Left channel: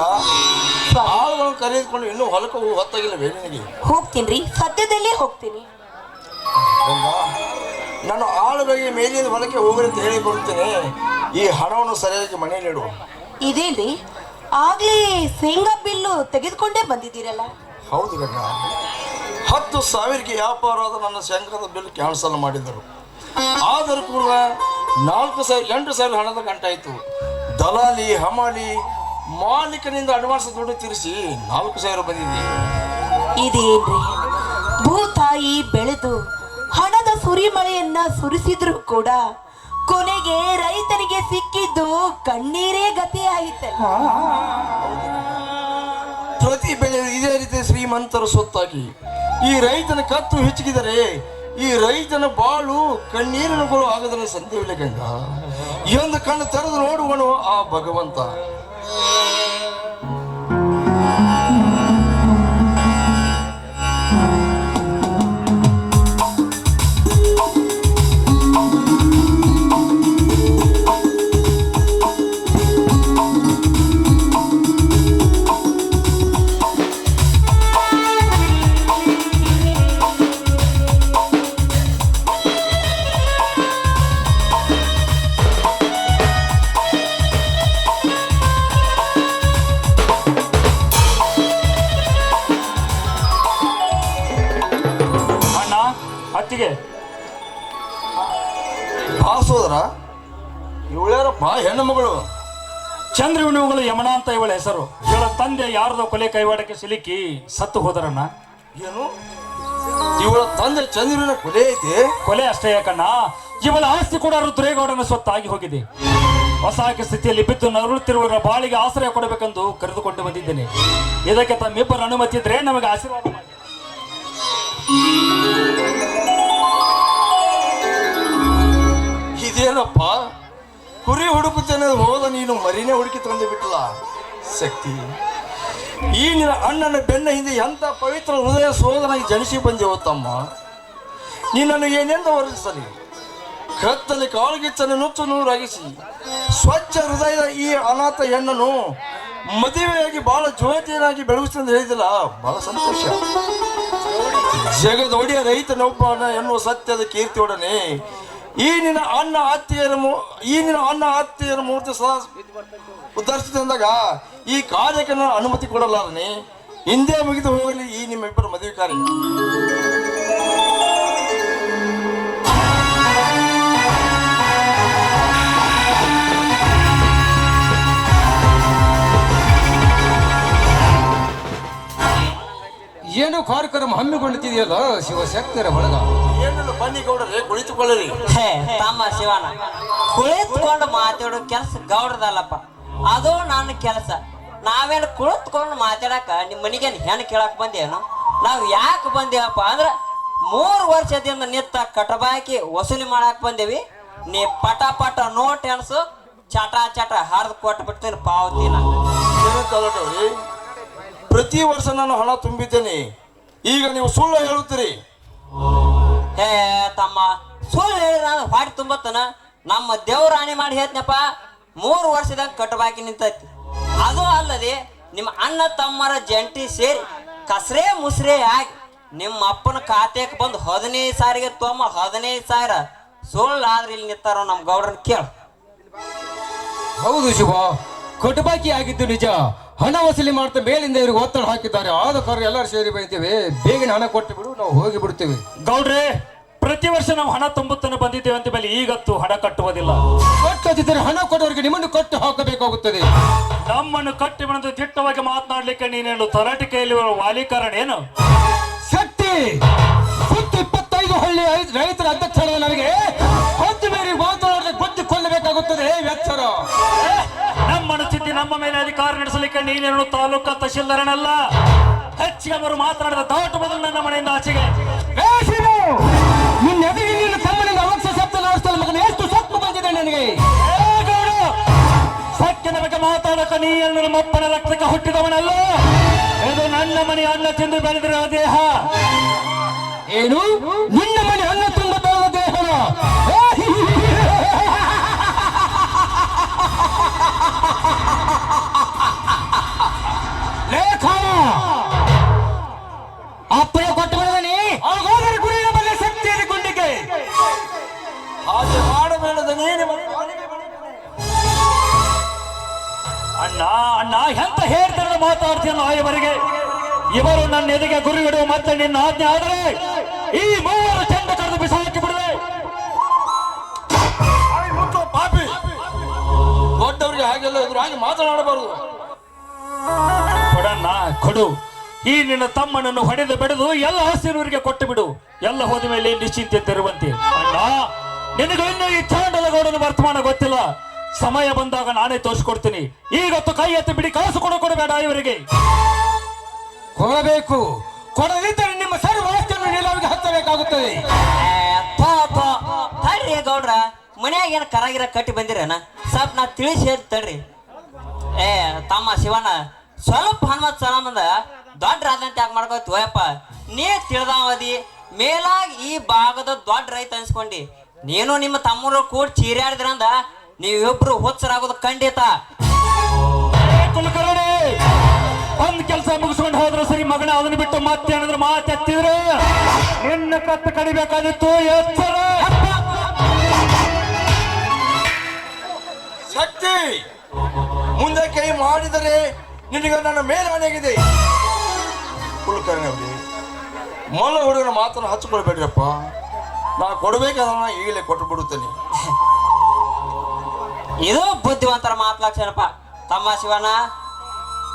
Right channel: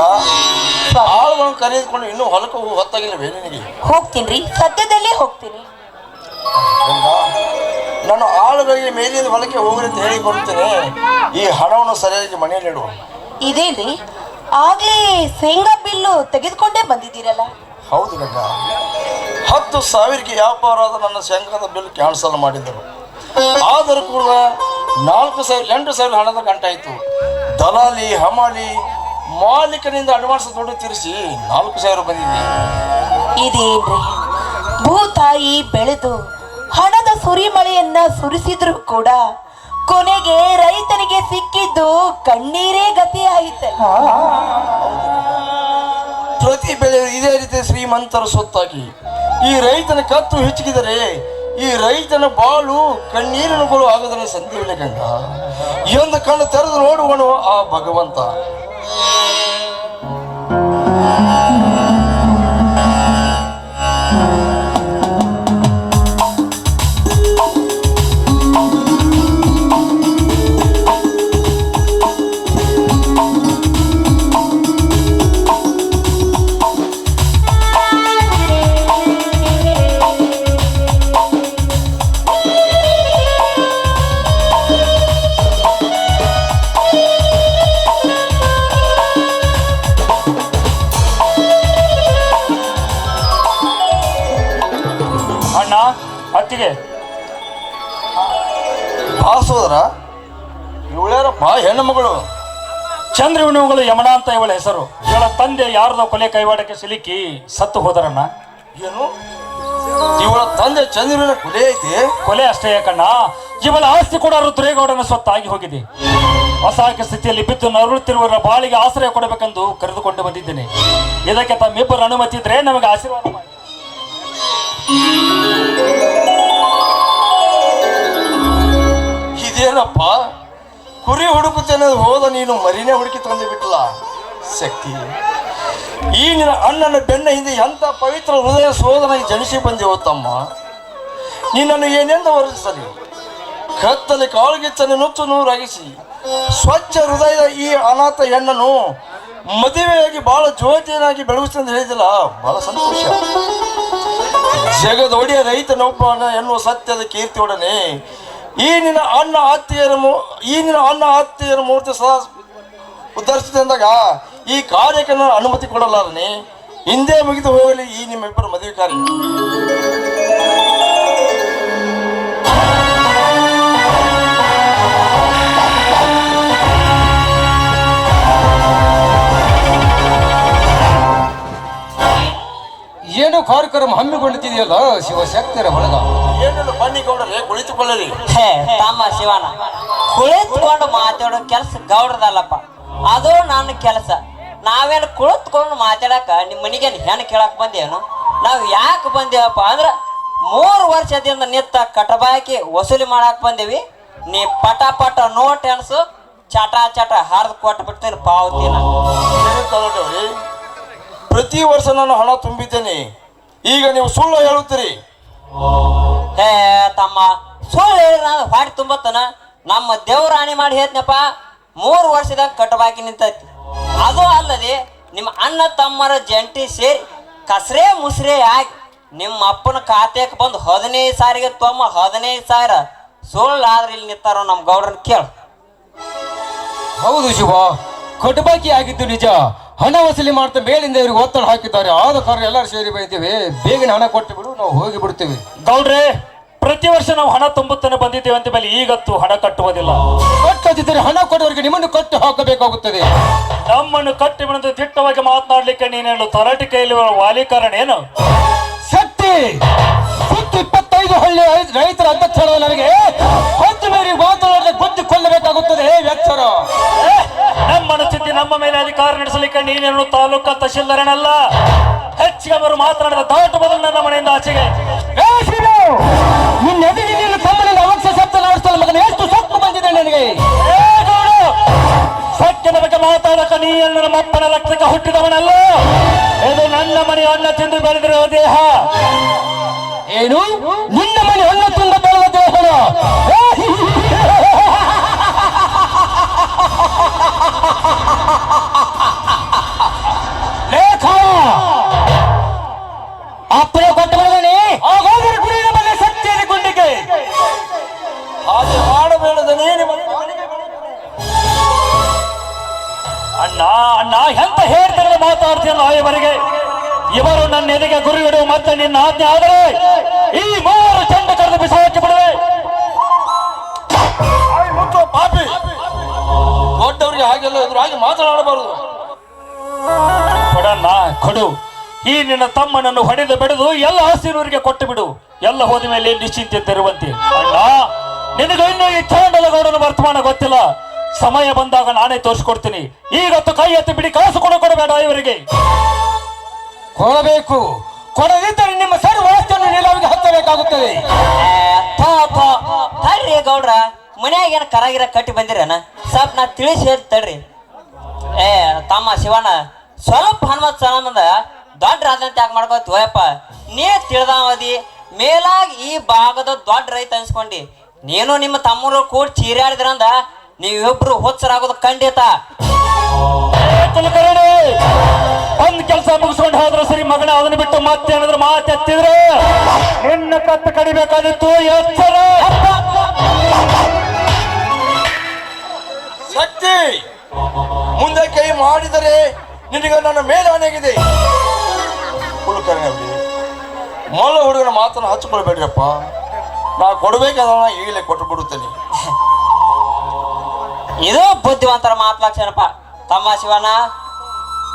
ಆಳುಗಳನ್ನು ಕರೆದುಕೊಂಡು ಇನ್ನೂ ಹೊಲಕ್ಕೆ ಹೋಗಿ ಹೊತ್ತಾಗಿಲ್ಲ ಬೇರೆ ನಿನಗೆ ಹೋಗ್ತೀನಿ ಸದ್ಯದಲ್ಲೇ ಹೋಗ್ತೀನಿ. ನಾನು ಆಳುಗಳಿಗೆ ಮೇಲಿನ ಹೊಲಕ್ಕೆ ಹೋಗ್ರಿ ಅಂತ ಹೇಳಿ ಬರುತ್ತೇನೆ. ಈ ಹಣವನ್ನು ಸರಿಯಾಗಿ ಮನೆಯಲ್ಲಿ ಇಡು. ಇದೇನ್ರಿ ಆಗ್ಲೇ ಶೇಂಗಾ ಬಿಲ್ಲು ತೆಗೆದುಕೊಂಡೇ ಬಂದಿದ್ದೀರಲ್ಲ. ಹೌದು ಗಂಗಾ. ಹತ್ತು ಸಾವಿರಕ್ಕೆ ವ್ಯಾಪಾರ ಆದ ನನ್ನ ಶೇಂಗಾದ ಬಿಲ್ ಕ್ಯಾನ್ಸಲ್ ಮಾಡಿದರು. ಆದರೂ ಕೂಡ ನಾಲ್ಕು ಸಾವಿರ ಎಂಟು ಸಾವಿರ ಹಣದ ಗಂಟಾಯಿತು ದಲಾಲಿ ಹಮಾಲಿ ಮಾಲೀಕನಿಂದ ಅಡ್ವಾನ್ಸ್ ದುಡ್ಡು ತೀರಿಸಿ ನಾಲ್ಕು ಸಾವಿರ ಬಂದಿದೆ. ಇದೇನ್ರಿ ಭೂತಾಯಿ ಬೆಳೆದು ಹಣದ ಸುರಿಮಳೆಯನ್ನ ಸುರಿಸಿದ್ರು ಕೂಡ ಕೊನೆಗೆ ರೈತನಿಗೆ ಸಿಕ್ಕಿದ್ದು ಕಣ್ಣೀರೇ ಗತಿ ಆಯಿತಲ್ಲ. ಪ್ರತಿ ಬೆಳೆ ಇದೇ ರೀತಿ ಶ್ರೀಮಂತರ ಸೊತ್ತಾಗಿ ಈ ರೈತನ ಕತ್ತು ಹೆಚ್ಚಿಗಿದರೆ ಈ ರೈತನ ಬಾಳು ಕಣ್ಣೀರಿನಗಳು ಆಗದನ್ನ ಸಂದೇವಿಲ್ಲ ಕಂಡ ಈ ಒಂದು ಕಣ್ಣು ತೆರೆದು ನೋಡುವನು ಆ ಭಗವಂತ. Oh. ಹೆಸರು? ಇವಳ ತಂದೆ ಯಾರದ ಕೊಲೆ ಕೈವಾಡಕ್ಕೆ ಸಿಲುಕಿ ಸತ್ತು ಹೋದರಣ್ಣ. ಏನು? ಇವಳ ತಂದೆ ಚಂದ್ರನ ಕೊಲೆ ಐತಿ? ಕೊಲೆ ಅಷ್ಟೇ ಯಾಕಣ್ಣ ಇವಳ ಆಸ್ತಿ ಕೂಡ ರುದ್ರೇಗೌಡನ ಸ್ವತ್ತಾಗಿ ಹೋಗಿದೆ. ಅಸಹಾಯಕ ಸ್ಥಿತಿಯಲ್ಲಿ ಬಿದ್ದು ನರಳುತ್ತಿರುವವರ ಬಾಳಿಗೆ ಆಶ್ರಯ ಕೊಡಬೇಕೆಂದು ಕರೆದುಕೊಂಡು ಬಂದಿದ್ದೇನೆ. ಇದಕ್ಕೆ ತಮ್ಮಿಬ್ಬರ ಅನುಮತಿ ಇದ್ರೆ ನಮಗೆ ಆಶೀರ್ವಾದ ಮಾಡಿ. ಇದೇನಪ್ಪ? ಕುರಿ ಹುಡುಕುತ್ತೇನೆ ಹೋದ ನೀನು ಮರಿನೇ ಹುಡುಕಿ ತಂದು ಬಿಟ್ಟಲ್ಲ? ಶಕ್ತಿ. ಈ ನಿನ್ನ ಅಣ್ಣನ ಬೆನ್ನ ಹಿಂದೆ ಎಂಥ ಪವಿತ್ರ ಹೃದಯ ಸೋದನಾಗಿ ಜನಿಸಿ ಬಂದೆವು ತಮ್ಮ? ನಿನ್ನನ್ನು ಏನೆಂದು ವರ್ಣಿಸಲಿ? ಕತ್ತಲೆ ಕಾಳುಗಿಚ್ಚನ್ನು ನುಚ್ಚು ನೂರಾಗಿಸಿ. ಸ್ವಚ್ಛ ಹೃದಯದ ಈ ಅನಾಥ ಹೆಣ್ಣನ್ನು ಮದುವೆಯಾಗಿ ಬಹಳ ಜ್ಯೋತಿಯನಾಗಿ ಬೆಳಗಿಸ್ತಂದು ಹೇಳಿದಿಲ್ಲ ಬಹಳ ಸಂತೋಷ. ಜಗದೊಡೆಯ ರೈತನೊಬ್ಬನ ಎನ್ನುವ ಸತ್ಯದ ಕೀರ್ತಿಯೊಡನೆ ಈ ನಿನ್ನ ಅಣ್ಣ ಆತ್ಮೀಯರ ಈ ನಿನ್ನ ಅಣ್ಣ ಆತ್ಮೀಯರ ಮೂರ್ತಿ ಸದಾ ಉದ್ಧರಿಸಿದಂದಾಗ ಈ ಕಾರ್ಯಕ್ಕೆ ನಾನು ಅನುಮತಿ ಕೊಡಲಾರನೆ. ಹಿಂದೆ ಮುಗಿದು ಹೋಗಲಿ ಈ ನಿಮ್ಮಿಬ್ಬರ ಮದುವೆ ಕಾರ್ಯ. ಏನು ಕಾರ್ಯಕ್ರಮ ಹಮ್ಮಿಕೊಳ್ಳುತ್ತಿದೆಯಲ್ಲ ಶಿವಶಕ್ತಿರ ಬಳಗ? ಏನೆಲ್ಲ ಬನ್ನಿ ಗೌಡರೇ ಕುಳಿತುಕೊಳ್ಳರಿ. ಹೇ ತಮ್ಮ ಶಿವನ ಕುಳಿತುಕೊಂಡು ಮಾತಾಡೋ ಕೆಲಸ ಗೌಡ್ರದಲ್ಲಪ್ಪ. ಅದು ನನ್ನ ಕೆಲಸ. ನಾವೇನು ಕುಳಿತುಕೊಂಡು ಮಾತಾಡಕ ನಿಮ್ಮ ಮನೆಗೇನು ಹೆಣ್ಣು ಕೇಳಕ್ ಬಂದೇನು? ನಾವು ಯಾಕೆ ಬಂದೇವಪ್ಪ ಅಂದ್ರೆ ಮೂರು ವರ್ಷದಿಂದ ನಿತ್ತ ಕಟಬಾಕಿ ವಸೂಲಿ ಮಾಡಕ್ ಬಂದೇವಿ. ನೀ ಪಟ ಪಟ ನೋಟ್ ಎಣಸು ಚಟ ಚಟ ಹರಿದು ಕೊಟ್ಟು ಬಿಡ್ತೀನಿ ಪಾವತಿನ. ಪ್ರತಿ ವರ್ಷ ನಾನು ಹಣ ತುಂಬಿದ್ದೇನೆ. ಈಗ ನೀವು ಸುಳ್ಳು ಹೇಳುತ್ತೀರಿ. ಹೇ ತಮ್ಮ ಸುಳ್ಳು ಹೇಳಿದ್ರ ಹೊಟ್ಟೆ ತುಂಬತ್ತನ? ನಮ್ಮ ದೇವರಾಣಿ ಮಾಡಿ ಹೇಳ್ತನಪ್ಪ? ಮೂರು ವರ್ಷದಾಗ ಕಟ್ಟಬಾಕಿ ನಿಂತೈತಿ. ಅದು ಅಲ್ಲದೆ ನಿಮ್ಮ ಅಣ್ಣ ತಮ್ಮರ ಜಂಟಿ ಸೇರಿ ಕಸರೆ ಮುಸ್ರೆ ಆಗಿ ನಿಮ್ಮ ಅಪ್ಪನ ಖಾತೆಗೆ ಬಂದು ಹದಿನೈದು ಸಾರಿಗೆ ತಮ್ಮ ಹದಿನೈದು ಸಾವಿರ. ಸುಳ್ಳು ಆದ್ರೆ ಇಲ್ಲಿ ನಿಂತಾರ ನಮ್ಮ ಗೌಡ್ರನ್ನ ಕೇಳು. ಹೌದು ಶಿವ ಬಾಕಿ ಆಗಿದ್ದು ನಿಜ. ಹಣ ವಸೂಲಿ ಮಾಡ್ತಾ ಮೇಲಿಂದ ಇವ್ರಿಗೆ ಒತ್ತಡ ಹಾಕಿದ್ದಾರೆ. ಆದ ಕಾರಣ ಎಲ್ಲರೂ ಸೇರಿ ಬೈತೀವಿ ಬೇಗನೆ ಹಣ ಕೊಟ್ಟು ಬಿಡು ನಾವು ಹೋಗಿ ಬಿಡ್ತೀವಿ. ಗೌಡ್ರೆ ಪ್ರತಿ ವರ್ಷ ನಾವು ಹಣ ತುಂಬುತ್ತಾನೆ ಬಂದಿದ್ದೇವೆ ಅಂತ ಮೇಲೆ ಈಗತ್ತು ಹಣ ಕಟ್ಟುವುದಿಲ್ಲ. ಕಟ್ಟದಿದ್ದರೆ ಹಣ ಕೊಡೋರಿಗೆ ನಿಮ್ಮನ್ನು ಕಟ್ಟು ಹಾಕಬೇಕಾಗುತ್ತದೆ. ನಮ್ಮನ್ನು ಕಟ್ಟಿ ಬಂದು ದಿಟ್ಟವಾಗಿ ಮಾತನಾಡ್ಲಿಕ್ಕೆ ನೀನೇನು ತರಾಟಿ ಕೈಯಲ್ಲಿ ವಾಲಿ ಏನು? ಶಕ್ತಿ! ಸುತ್ತ ಇಪ್ಪತ್ತೈದು ಹಳ್ಳಿ ರೈತರ ಅಧ್ಯಕ್ಷ ನನಗೆ ಒಂದು ಮೇಲೆ ಮಾತನಾಡಿದ್ರೆ ಗೊತ್ತಿಕೊಳ್ಳಬೇಕಾಗುತ್ತದೆ ಕೊಲ್ಲಬೇಕಾಗುತ್ತದೆ. ನಮ್ಮ ಮನಸ್ಥಿತಿ ನಮ್ಮ ಮೇಲೆ ಅಧಿಕಾರ ನಡೆಸಲಿಕ್ಕೆ ನೀನೇನು ತಾಲೂಕಾ ತಹಶೀಲ್ದಾರನಲ್ಲ. ಹೆಚ್ಚಿಗೆ ಅವರು ಮಾತನಾಡಿದ ದಾಟು ಬದಲು ನನ್ನ ಮನೆಯಿಂದ ಆಚೆಗೆ. ಸೊಕ್ಕು ನನಗೆ. ಸತ್ಯದ ಬಗ್ಗೆ ಮಾತಾಡಕ ನೀ ನನ್ನ ಮಪ್ಪನ ಲಕ್ಷಕ್ಕೆ ಹುಟ್ಟಿದವನಲ್ಲ. ಇದು ನನ್ನ ಮನೆ ಅನ್ನ ತಿಂದು ಬೆಳೆದಿರುವ ದೇಹ. ಏನು? ನಿನ್ನ ಮನೆ ಹಣ್ಣ ತುಂಬ ಬೆಳೆದ ದೇಹನ? ಅಣ್ಣ ಎಂತ ಹೇಳ್ತಾರೆ ಮಾತಾಡ್ತೀಯಲ್ಲ ಇವರಿಗೆ? ಇವರು ನನ್ನ ಎದೆಗೆ ಗುರಿ ಇಡುವ ಮತ್ತೆ ನಿನ್ನ ಆಜ್ಞೆ ಆದರೆ ಈ ಮೂವರು ಚೆಂಡು ಕರೆದು ಬಿಸಾಕಿ ಬಿಡುವೆ. ಪಾಪಿ. ದೊಡ್ಡವರಿಗೆ ಹಾಗೆಲ್ಲ ಎದುರಾಗಿ ಮಾತನಾಡಬಾರದು. ಕೊಡಣ್ಣ ಕೊಡು. ಈ ನಿನ್ನ ತಮ್ಮನನ್ನು ಹೊಡೆದು ಬಿಡದು ಎಲ್ಲ ಹಸಿರೂರಿಗೆ ಕೊಟ್ಟು ಬಿಡು. ಎಲ್ಲ ಹೋದ ಮೇಲೆ ನಿಶ್ಚಿಂತೆ ತರುವಂತೆ. ಅಣ್ಣ ನಿನಗೆ ಇನ್ನೂ ಈ ಚಾಂಡಲಗೌಡನ ವರ್ತಮಾನ ಗೊತ್ತಿಲ್ಲ. ಸಮಯ ಬಂದಾಗ ನಾನೇ ತೋರಿಸ್ಕೊಡ್ತೀನಿ. ಈಗತ್ತು ಕೈ ಎತ್ತಿ ಬಿಡಿ ಕಾಸು ಕೊಡ ಕೊಡಬೇಡ ಇವರಿಗೆ. ಕೊಡಬೇಕು. ಕೊಡದಿದ್ದರೆ ನಿಮ್ಮ ಸರ್ ವ್ಯವಸ್ಥೆಯನ್ನು ನೀಲಾವಿಗೆ ಹತ್ತಬೇಕಾಗುತ್ತದೆ ತಡ್ರಿ ಗೌಡ್ರ ಮನ್ಯಾಗ ಏನ ಕರಾಗಿರ ಕಟ್ಟಿ ಬಂದಿರನ? ಸ್ವಲ್ಪ ನಾ ತಿಳಿಸಿ ಹೇಳ್ ತಡ್ರಿ. ಏ ತಮ್ಮ ಶಿವಣ್ಣ ಸ್ವಲ್ಪ ಹನುಮತ್ ಸಲಮಂದ ದೊಡ್ಡ ರಾಜನಂತೆ ಯಾಕೆ ಮಾಡ್ಕೋತಿ ಓಯಪ್ಪ ನೀ ತಿಳಿದಾವದಿ ಮೇಲಾಗಿ ಈ ಭಾಗದ ದೊಡ್ಡ ರೈತ ಅನ್ಸ್ಕೊಂಡಿ. ನೀನು ನಿಮ್ಮ ತಮ್ಮರು ಕೂಡ ಚೀರಾಡಿದ್ರಂದ ನೀವಿಬ್ರು ಹುಚ್ಚರಾಗೋದು ಖಂಡಿತ. ಒಂದ್ ಕೆಲಸ ಮುಗಿಸ್ಕೊಂಡು ಹೋದ್ರೆ ಸರಿ ಮಗನ ಅದನ್ನ ಬಿಟ್ಟು ಮತ್ತೆ ಏನಾದ್ರು ಮಾತೆತ್ತಿದ್ರೆ ನಿನ್ನ ಕತ್ತು ಕಡಿಬೇಕಾದಿತ್ತು ಎಚ್ಚರ ಶಕ್ತಿ ಮುಂದೆ ಕೈ ಮಾಡಿದರೆ ನಿನಗೆ ನನ್ನ ಮೇಲೆ ಅವನಾಗಿದೆ ಕುಲಕರ್ಣಿ ಮೊದಲ ಹುಡುಗನ ಮಾತನ್ನು ಹಚ್ಕೊಳ್ಬೇಡ್ರಪ್ಪ ನಾ ಕೊಡ್ಬೇಕಾದ ಈಗಲೇ ಕೊಟ್ಟು ಬಿಡುತ್ತೇನೆ ಇದು ಬುದ್ಧಿವಂತರ ಮಾತ್ಲಾಕ್ಷಣಪ್ಪ ತಮ್ಮ ಶಿವಣ್ಣ,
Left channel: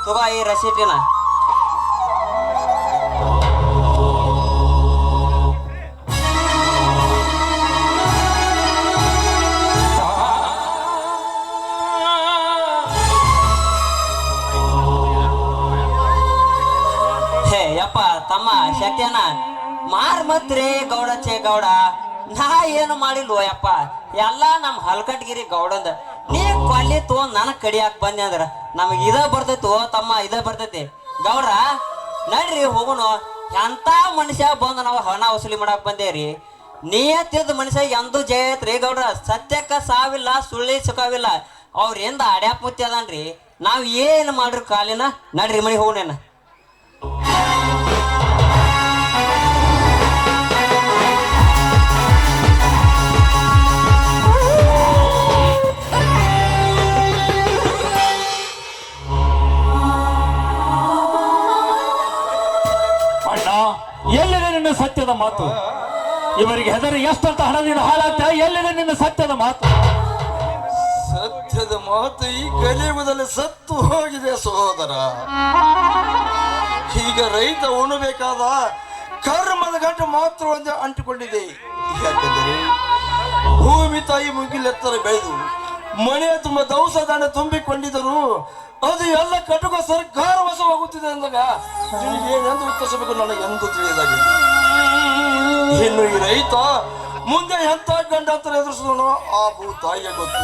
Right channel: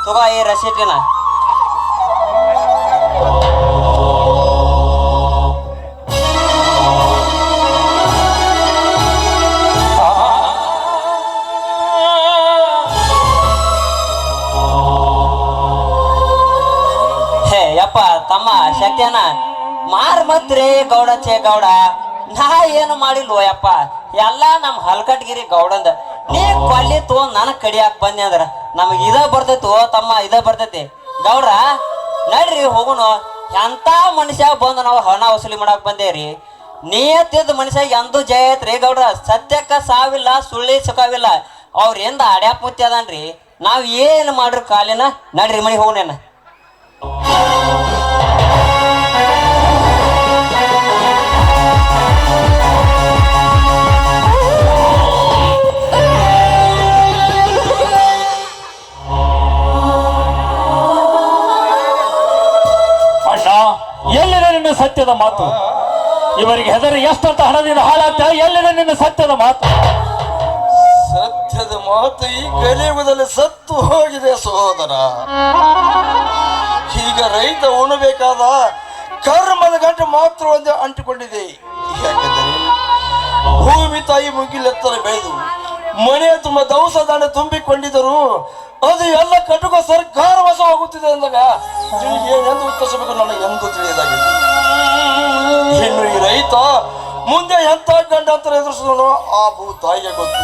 ತುಗ ಈ ರಸೀಟಿನ ಯಪ್ಪ, ತಮ್ಮ ಶಕ್ತಿಯನ್ನ ಮಾರ್ ಮತ್ರಿ ಗೌಡ ಚೇ ಗೌಡ, ನಾ ಏನು ಮಾಡಿಲ್ವೋ ಯಪ್ಪ? ಎಲ್ಲ ನಮ್ಮ ಹಲ್ಕಟ್ಗಿರಿ ಗೌಡಂದ. ನೀ ಕೊಲ್ಲಿ ತಗೊಂಡ್ ನನಗ್ ಕಡಿಯಾಕ್ ಬಂದೆ ಅಂದ್ರ? ನಮಗ್ ಇದ ಬರ್ತೈತಿ ಓ ತಮ್ಮ, ಇದ ಬರ್ತೈತಿ. ಗೌಡ್ರ, ನಡ್ರಿ ಹೋಗುಣ. ಎಂತ ಮನುಷ್ಯ ಬಂದು ನಾವು ಹಣ ವಸೂಲಿ ಮಾಡಕ್ ರೀ ನಿಯತ್ತಿದ್ದ ಮನುಷ್ಯ ಎಂದೂ ಜಯ ಐತ್ರಿ ಗೌಡ್ರ? ಸತ್ಯಕ್ಕ ಸಾವಿಲ್ಲ, ಸುಳ್ಳಿ ಸುಖವಿಲ್ಲ. ಅವ್ರ ಎಂದ ಅಡ್ಯಾಪ್ ಮುತ್ತಿ ಅದಾನ್ರಿ ನಾವ್ ಏನ್ ಮಾಡ್ರಿ ಕಾಲಿನ? ನಡ್ರಿ ಮನೆಗೆ ಹೋಗೋಣ ಇವರಿಗೆ ಹೆದರಿ, ಎಷ್ಟಂತ ಹಣದಿಂದ ಹಾಳಾಗ್ತಾ, ಎಲ್ಲಿದೆ ನಿನ್ನ ಸತ್ಯದ ಮಾತು? ಸತ್ಯದ ಮಾತು ಈ ಕಲಿಯುಗದಲ್ಲಿ ಸತ್ತು ಹೋಗಿದೆ ಸಹೋದರ. ಈಗ ರೈತ ಉಣಬೇಕಾದ ಕರ್ಮದ ಗಂಟು ಮಾತ್ರ ಒಂದು ಅಂಟಿಕೊಂಡಿದೆ. ಭೂಮಿ ತಾಯಿ ಮುಗಿಲೆತ್ತರ ಬೆಳೆದು, ಮನೆ ತುಂಬ ದವಸ ದಾಣ ತುಂಬಿಕೊಂಡಿದ್ದರು ಅದು ಎಲ್ಲ ಕಟುಕ ಸರ್ಕಾರ ವಶವಾಗುತ್ತಿದೆ ಅಂದಾಗ ಏನೆಂದು ಉತ್ತರಿಸಬೇಕು ನನಗೆ ಎಂದು ತಿಳಿಯಲಾಗಿದೆ. ಇನ್ನು ಈ ರೈತ ಮುಂದೆ ಎಂತ ಗಂಡಾಂತರ ಎದುರಿಸಿದನು ಆ ಭೂ ತಾಯಿಗೆ ಗೊತ್ತು.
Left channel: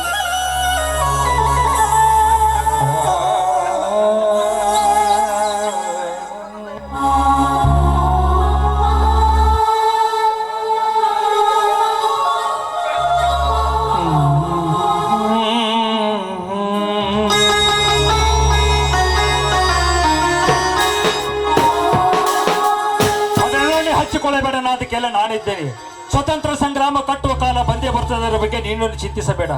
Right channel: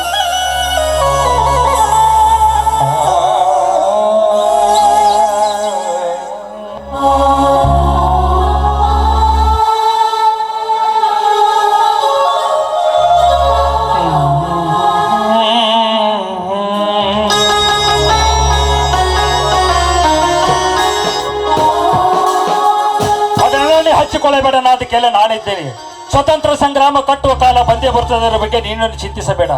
ನಾನಿದ್ದೇನೆ. ಸ್ವತಂತ್ರ ಸಂಗ್ರಾಮ ಕಟ್ಟುವ ಕಾಲ ಬಂದೇ ಬರ್ತದೆ ಬಗ್ಗೆ ನೀನು ಚಿಂತಿಸಬೇಡ.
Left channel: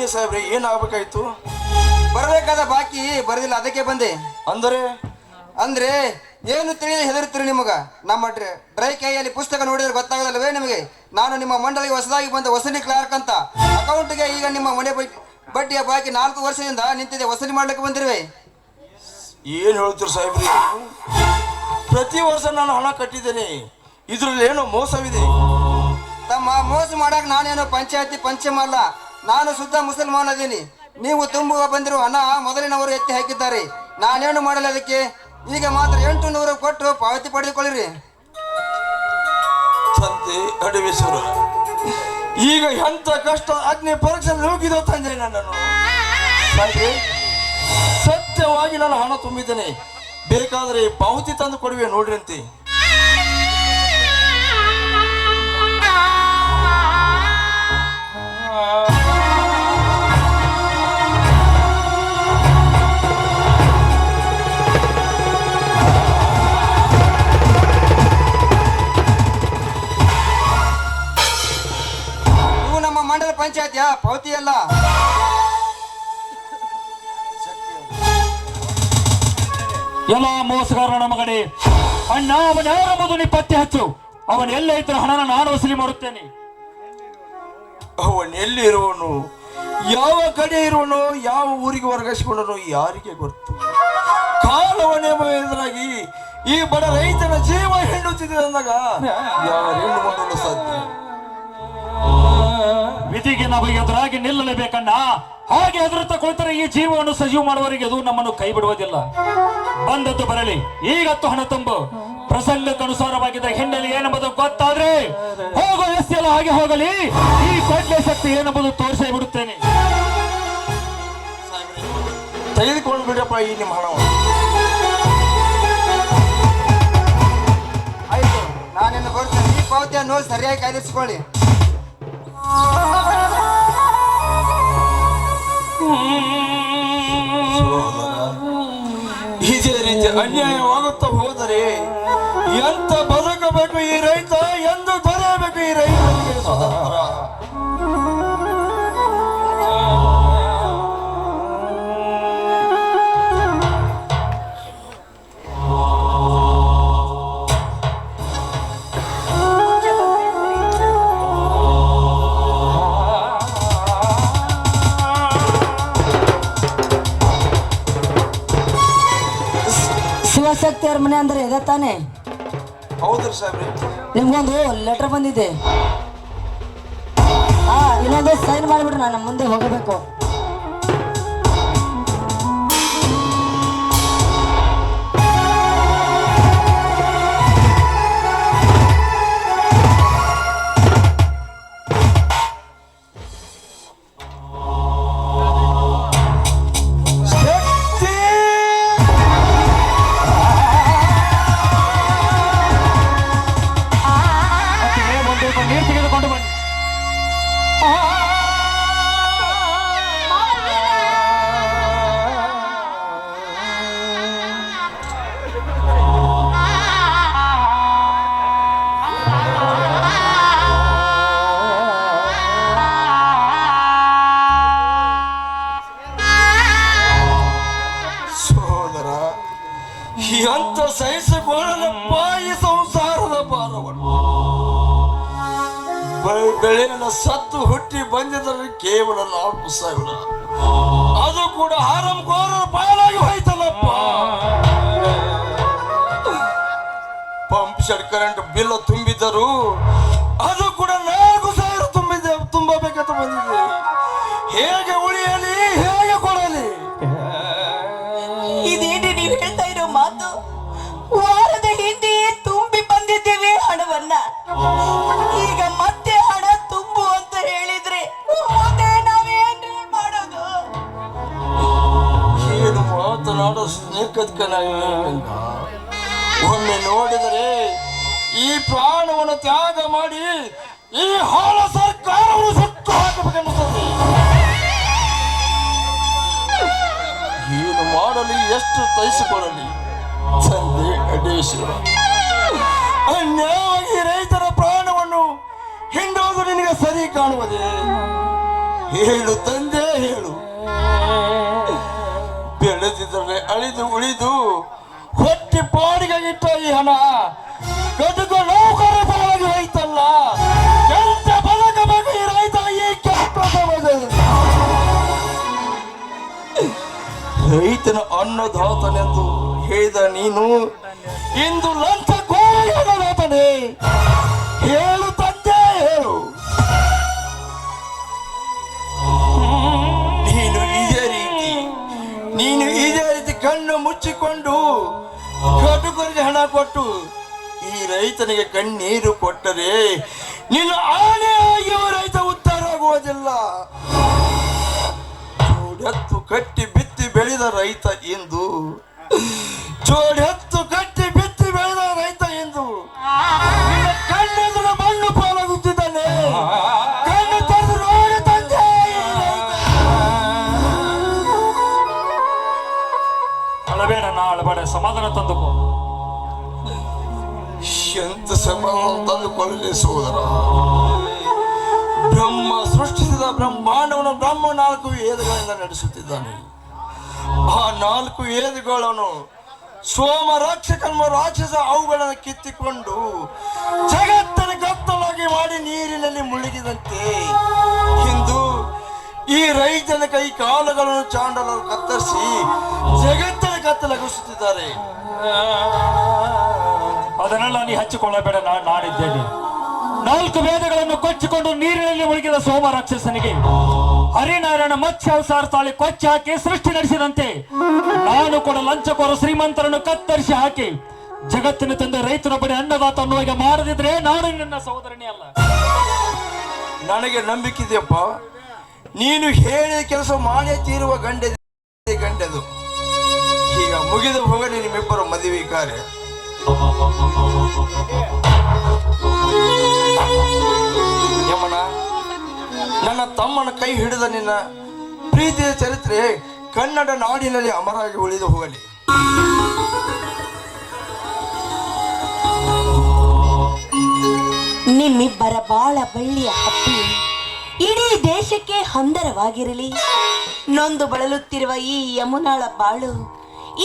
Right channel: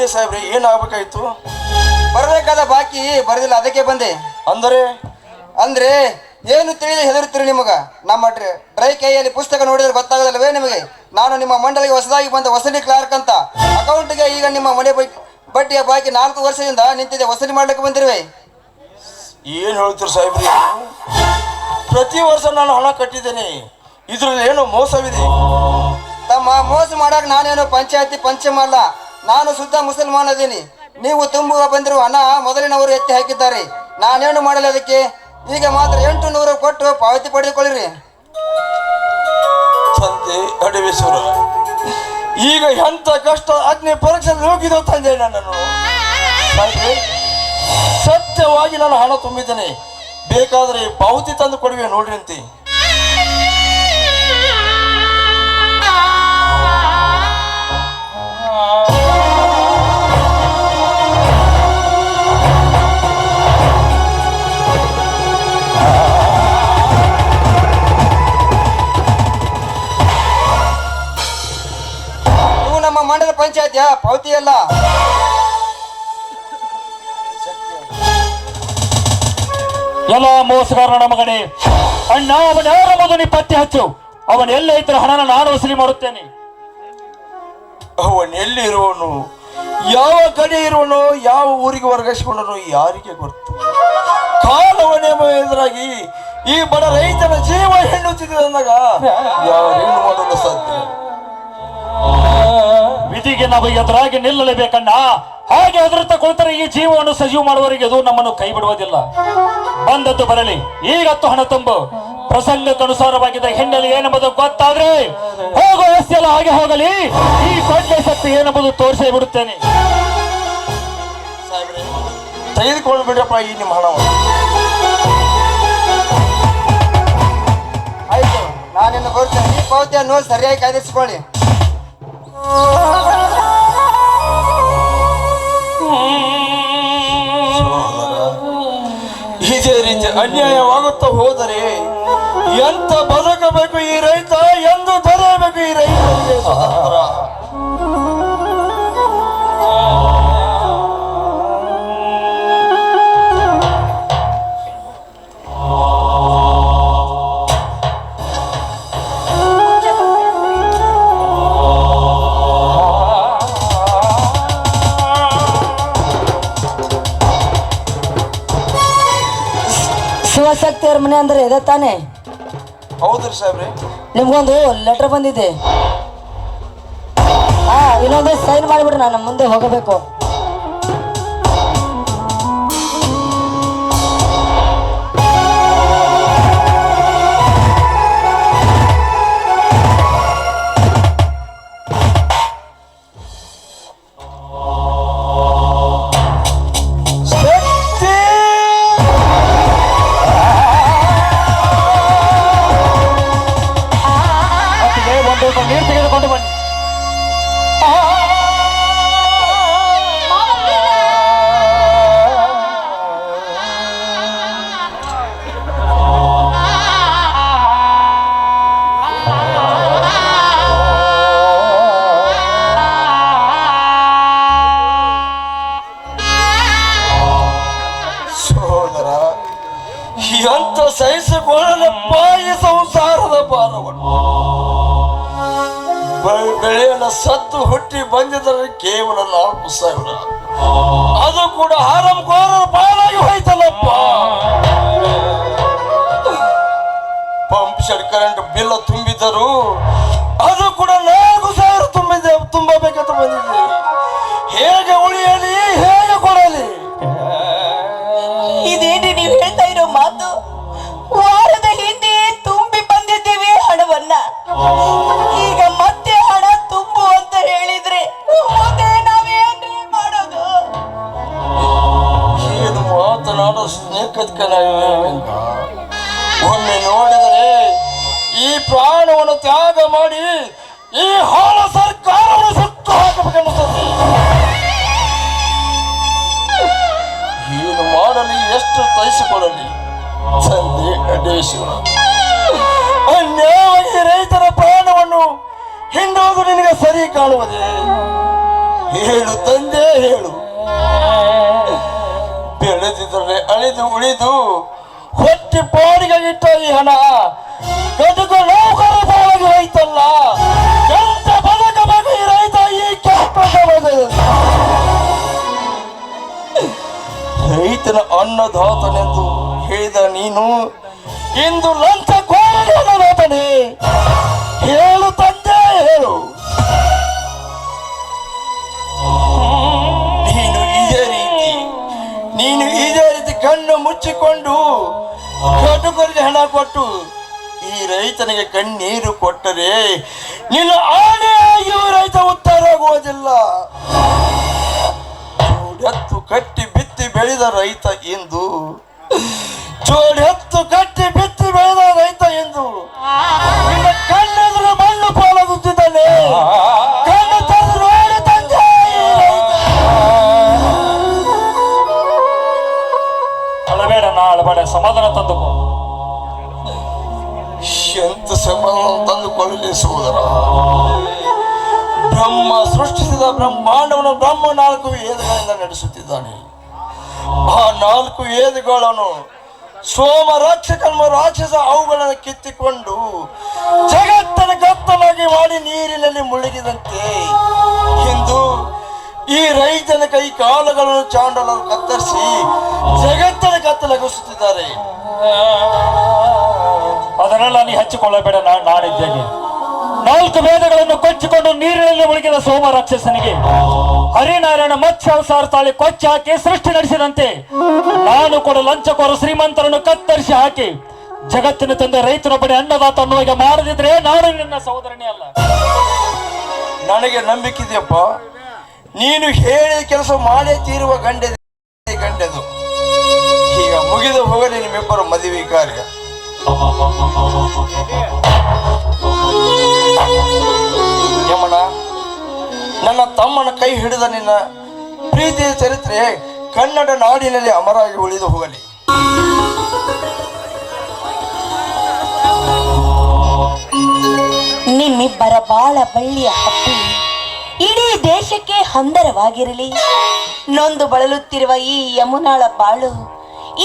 ಬನ್ನಿ ಸಾಹೇಬ್ರಿ ಏನಾಗಬೇಕಾಯ್ತು? ಬರಬೇಕಾದ ಬಾಕಿ ಬರದಿಲ್ಲ ಅದಕ್ಕೆ ಬಂದೆ. ಅಂದರೆ? ಅಂದ್ರೆ ಏನು ತಿಳಿದು ಹೆದರುತ್ತೀರಿ ನಿಮಗ? ನಮ್ಮ ಡ್ರ- ಕೈಯಲ್ಲಿ ಪುಸ್ತಕ ನೋಡಿದ್ರೆ ಗೊತ್ತಾಗೋದಿಲ್ಲವೇ ನಿಮಗೆ? ನಾನು ನಿಮ್ಮ ಮಂಡಳಿಗೆ ಹೊಸದಾಗಿ ಬಂದ ವಸೂಲಿ ಕ್ಲಾರ್ಕ್ ಅಂತ. ಅಕೌಂಟ್ಗೆ ಈಗ ನಿಮ್ಮ ಮನೆ ಬಡ್ಡಿಯ ಬಾಕಿ ನಾಲ್ಕು ವರ್ಷದಿಂದ ನಿಂತಿದೆ ವಸೂಲಿ ಮಾಡ್ಲಿಕ್ಕೆ ಬಂದಿರುವೆ. ಏನ್ ಹೇಳ್ತೀರಿ ಸಾಹೇಬ್ರಿ? ಪ್ರತಿ ವರ್ಷ ನಾನು ಹಣ ಕಟ್ಟಿದ್ದೇನೆ. ಇದ್ರಲ್ಲಿ ಏನು ಮೋಸವಿದೆ. ತಮ್ಮ ಮೋಸ ಮಾಡಕ್ ನಾನೇನು ಪಂಚಾಯತಿ ಪಂಚಮ ಅಲ್ಲ ನಾನು ಶುದ್ಧ ಮುಸಲ್ಮಾನ್ ಅದೀನಿ ನೀವು ತುಂಬುವ ಬಂದಿರುವ ಹಣ ಮೊದಲಿನವರು ಎತ್ತಿ ಹಾಕಿದ್ದಾರೆ. ನಾನೇನು ಮಾಡಲಿ ಅದಕ್ಕೆ? ಈಗ ಮಾತ್ರ ಎಂಟು ನೂರು ಕೊಟ್ಟು ಪಾವತಿ ಪಡೆದುಕೊಳ್ಳಿರಿ. ಈಗ ಎಂತ ಕಷ್ಟ, ಅಗ್ನಿ ಪರೀಕ್ಷೆ ತಂದೆ ನನ್ನನ್ನು. ಸತ್ಯವಾಗಿ ನಾನು ಹಣ ತುಂಬಿದ್ದೇನೆ. ಬೇಕಾದ್ರೆ ಪಾವತಿ ತಂದು ಕೊಡುವೆ ನೋಡ್ರಿ ಅಂತೆ. ಪಂಚಾಯತಿಯ ಪಾವತಿ ಅಲ್ಲ ಎಲ್ಲ ಮೋಸಗಾರನ ಮಗನೇ ಅಣ್ಣ ಅವನ ಯಾರ ಮಗನಿ ಪತ್ತೆ ಹಚ್ಚು? ಅವನ ಎಲ್ಲ ಇದ್ರ ಹಣನ ನಾನು ವಸೂಲಿ ಮಾಡುತ್ತೇನೆ. ಅವನ್ ಎಲ್ಲಿರುವನು ಯಾವ ಕಡೆ ಇರುವನು ಯಾವ ಊರಿಗೆ ವರ್ಗಾಯಿಸಿಕೊಂಡನು? ಯಾರಿಗೆ ಗೊತ್ತು? ಕಾಲವನೇ ಎದುರಾಗಿ ಈ ಬಡ ರೈತನ ಜೀವ ಹೆಣ್ಣು ಅಂದಾಗ ಯಾವ ಹೆಣ್ಣು ಮಾಡಲು ಸಾಧ್ಯ? ವಿಧಿಗೆ ನಾವು ಎದುರಾಗಿ ನಿಲ್ಲಲೇಬೇಕಣ್ಣ. ಹಾಗೆ ಎದುರುತ್ತ ಕುಳಿತರೆ ಈ ಜೀವವನ್ನು ಸಜೀವ ಮಾಡುವವರೆಗೆ ಅದು ನಮ್ಮನ್ನು ಕೈ ಬಿಡುವುದಿಲ್ಲ. ಬಂದದ್ದು ಬರಲಿ. ಈಗತ್ತು ಹಣ ತುಂಬು. ಪ್ರಸಂಗಕ್ಕನುಸಾರವಾಗಿದ್ದ ಹಿನ್ನೆಲೆ ಏನೆಂಬುದು ಗೊತ್ತಾದ್ರೆ ಹೋಗೋ ವ್ಯವಸ್ಥೆ ಎಲ್ಲ ಹಾಗೆ ಹೋಗಲಿ. ಈ ಕೊಡ್ಲೆ ಶಕ್ತಿ ಏನೆಂಬುದು ತೋರಿಸೇ ಬಿಡುತ್ತೇನೆ. ತೆಗೆದುಕೊಳ್ಬಿಡ್ರಪ್ಪ ಈ ನಿಮ್ಮ ಹಣ ಆಯ್ತು. ನಾನಿನ್ನು ಕೊಡ್ತೇನೆ. ಈ ಪಾವತಿಯನ್ನು ನೋಡಿ ಸರಿಯಾಗಿ ಕಾಯ್ದಿರಿಸಿಕೊಳ್ಳಿ. ಇದೇ ರೀತಿ ಅನ್ಯಾಯವಾಗುತ್ತಾ ಹೋದರೆ ಎಂತ ಬದುಕಬೇಕು ಈ ರೈತ? ಎಂದು ದೊರೆಯಬೇಕು ಈ ರೈತರಿಗೆ ಸ್ವತಂತ್ರ ಮನೆ ಅಂದ್ರೆ ಇದೆ ತಾನೆ? ಹೌದ್ರಿ ಸಾಹೇಬ್ರಿ. ನಿಮ್ಗೊಂದು ಲೆಟರ್ ಬಂದಿದೆ. ಹಾ ಇನ್ನೊಂದು ಸೈನ್ ಮಾಡಿಬಿಡ್ರಿ ನಾನು ಮುಂದೆ ಹೋಗಬೇಕು. ಬೆ- ಬೆಳೆಯನ ಸತ್ತು ಹುಟ್ಟಿ ಬಂದಿದ್ರೆ ಕೇವಲ ನಾಲ್ಕು ಸಾವಿರ. ಅದು ಕೂಡ ಹಾರಂಕೋರರ ಪಾಲಾಗಿ ಹೋಯ್ತಲ್ಲಪ್ಪ. ಪಂಪ್ ಸೆಟ್ ಕರೆಂಟ್ ಬಿಲ್ ತುಂಬಿದ್ದರು ಅದು ಕೂಡ ನಾಲ್ಕು ಸಾವಿರ ತುಂಬಿದೆ, ತುಂಬಬೇಕಂತ ಬಂದಿದೆ. ಹೇಗೆ ಉಳಿಯಲಿ, ಹೇಗೆ ಕೊಡಲಿ? ಇದೇನು ನೀವು ಹೇಳ್ತಾ ಇರೋ ಮಾತು? ವಾರದ ಹಿಂದೆ ತುಂಬಿ ಬಂದಿದ್ದೇವೆ ಹಣವನ್ನ. ಈಗ ಮಾತನಾಡೋ ಸ್ನೇಹದ ಒಮ್ಮೆ ನೋಡಿದರೆ ಈ ಪ್ರಾಣವನ್ನು ತ್ಯಾಗ ಮಾಡಿ ಈ ಹಾಳ ಸರ್ಕಾರವನ್ನು ಸುಟ್ಟು ಹಾಕಬೇಕನ್ನಿಸುತ್ತೆ ಏನು ಮಾಡಲಿ, ಎಷ್ಟು ತಯಿಸಿಕೊಳ್ಳಲಿ ತಂದೆ ಅಡೇಶ್ವರ ಅನ್ಯಾಯವಾಗಿ ರೈತರ ಪ್ರಾಣವನ್ನು ಹಿಂಡೋದು ನಿನಗೆ ಸರಿ ಕಾಣುವುದೇ? ಹೇಳು ತಂದೆ, ಹೇಳು. ಬೆಳೆದಿದ್ದರೆ ಅಳಿದು ಉಳಿದು ಹೊಟ್ಟಿ ಪಾಡಿಗೆ ಇಟ್ಟ ಈ ಹಣ. ಗದುಗ ನೌಕರ ಪಾಲಾಗಿ ಹೋಯ್ತಲ್ಲ. ಎಂತ ಬದುಕಬೇಕು ಈ ರೈತ ಈ ಕೆಟ್ಟ ರೈತನ ಅನ್ನದಾತನೆಂದು ಹೇಳಿದ ನೀನು, ಇಂದು ಲಂಚ ಅನ್ನದಾತನೇ ಹೇಳು ತಂದೆ, ಹೇಳು. ಮುಚ್ಚಿಕೊಂಡು ಕಟುಕರಿಗೆ ಹಣ ಕೊಟ್ಟು ಈ ರೈತನಿಗೆ ಕಣ್ಣೀರು ಕೊಟ್ಟರೆ ನಿನ್ನ ಇವ ರೈತ ಉತ್ತರ ಆಗುವುದಿಲ್ಲ. ಎತ್ತು ಕಟ್ಟಿ ಬಿತ್ತಿ ಬೆಳೆದ ರೈತ ಇಂದು ಜೋಡಿ ಸೋದರ ಬ್ರಹ್ಮ ಸೃಷ್ಟಿಸಿದ ಬ್ರಹ್ಮಾಂಡವನ್ನು ಬ್ರಹ್ಮ ನಾಲ್ಕು ಏದುಗಳಿಂದ ನಡೆಸುತ್ತಿದ್ದಾನೆ. ಆ ನಾಲ್ಕು ಏದುಗಳನ್ನು ಸೋಮ ರಾಕ್ಷಕನ್ಮ ರಾಕ್ಷಸ ಅವುಗಳನ್ನು ಕಿತ್ತಿಕೊಂಡು ಜಗತ್ತನ ಗತ್ತಲಾಗಿ ಮಾಡಿ ನೀರಿನಲ್ಲಿ ಮುಳುಗಿದಂತೆ ಇಂದು ಈ ರೈತನ ಕೈ ಕಾಲುಗಳನ್ನು ಚಾಂಡಲರು ಕತ್ತರಿಸಿ ಜಗತ್ತನ ಕತ್ತಲಗಿಸುತ್ತಿದ್ದಾರೆ ಅದನ್ನೆಲ್ಲ ನೀ ಹಚ್ಚಿಕೊಳ್ಳಬೇಡ, ನಾ ನಾಡಿದ್ದೇನೆ ನಾಲ್ಕು ವೇದಗಳನ್ನು ಕೊಚ್ಚಿಕೊಂಡು ನೀರಿನಲ್ಲಿ ಮುಳುಗಿದ ಸೋಮ ರಾಕ್ಷಸನಿಗೆ. ಹರಿನಾರಾಯಣ ಮತ್ಸ್ಯ ಅವಸಾರ ತಾಳಿ ಕೊಚ್ಚಿ ಹಾಕಿ ಸೃಷ್ಟಿ ನಡೆಸಿದಂತೆ. ನಾನು ಕೂಡ ಲಂಚಕೋರ ಶ್ರೀಮಂತರನ್ನು ಕತ್ತರಿಸಿ ಹಾಕಿ ಜಗತ್ತಿನ ತಂದೆ ರೈತನೊಬ್ಬನೇ ಅನ್ನದಾತ ಅನ್ನುವಾಗ ಮಾರದಿದ್ರೆ ನಾನು ನಿನ್ನ ಸಹೋದರನೇ ಅಲ್ಲ. ನನಗೆ ನಂಬಿಕೆ ಇದೆಯಪ್ಪ. ನೀನು ಹೇಳಿ ಕೆಲಸ ಮಾಡೇ ತೀರುವ ಗಂಡೆ ಗಂಡೆದು. ಈಗ ಮುಗಿದು ಹೋಗಲಿ ನಿಮ್ಮಿಬ್ಬರು ಮದುವೆ ಕಾರ್ಯ. ನನ್ನ ತಮ್ಮನ ಕೈ ಹಿಡಿದ ನಿನ್ನ ಪ್ರೀತಿಯ ಚರಿತ್ರೆ ಕನ್ನಡ ನಾಡಿನಲ್ಲಿ ಅಮರಾಗಿ ಉಳಿದು ಹೋಗಲಿ. ನಿಮ್ಮಿಬ್ಬರ ಬಾಳ ಬಳ್ಳಿಯ ಹಬ್ಬಿ ಇಡೀ ದೇಶಕ್ಕೆ ಹಂದರವಾಗಿರಲಿ. ನೊಂದು ಬಳಲುತ್ತಿರುವ ಈ ಯಮುನಾಳ ಬಾಳು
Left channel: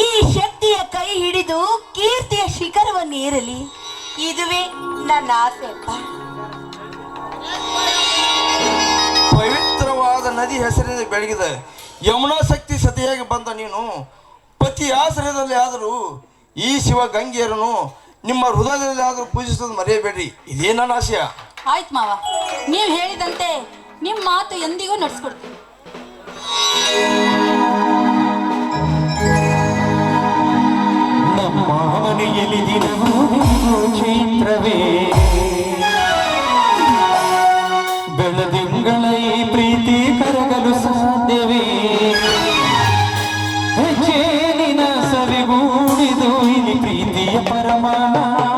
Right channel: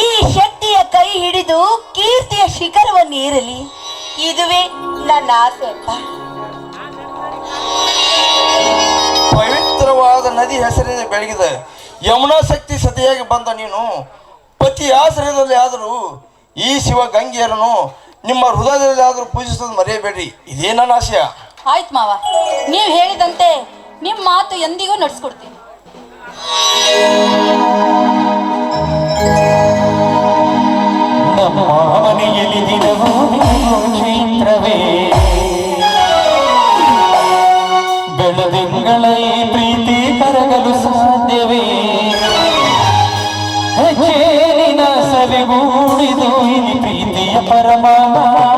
ಈ ಶಕ್ತಿಯ ಕೈ ಹಿಡಿದು ಕೀರ್ತಿಯ ಶಿಖರವನ್ನು ಏರಲಿ. ಇದುವೇ ನನ್ನ ಆಸೆ ಪವಿತ್ರವಾದ ನದಿ ಹೆಸರಿನ ಬೆಳಗಿದೆ. ಯಮುನಾ ಶಕ್ತಿ ಸತಿಯಾಗಿ ಬಂದ ನೀನು. ಪತಿ ಆಶ್ರಯದಲ್ಲಿ ಆದರೂ ಈ ಶಿವ ಗಂಗೆಯರನ್ನು ನಿಮ್ಮ ಹೃದಯದಲ್ಲಿ ಆದರೂ ಪೂಜಿಸೋದು ಮರೆಯಬೇಡಿ. ಇದೇ ನನ್ನ ಆಶಯ. ಆಯ್ತು ಮಾವ. ನೀವು ಹೇಳಿದಂತೆ ನಿಮ್ಮ ಮಾತು ಎಂದಿಗೂ ನಡೆಸ್ಕೊಡ್ತೀನಿ. ನಮ್ಮ ಮನೆಯಲ್ಲಿ ದಿನವೂ ಪ್ರೀತಿಯ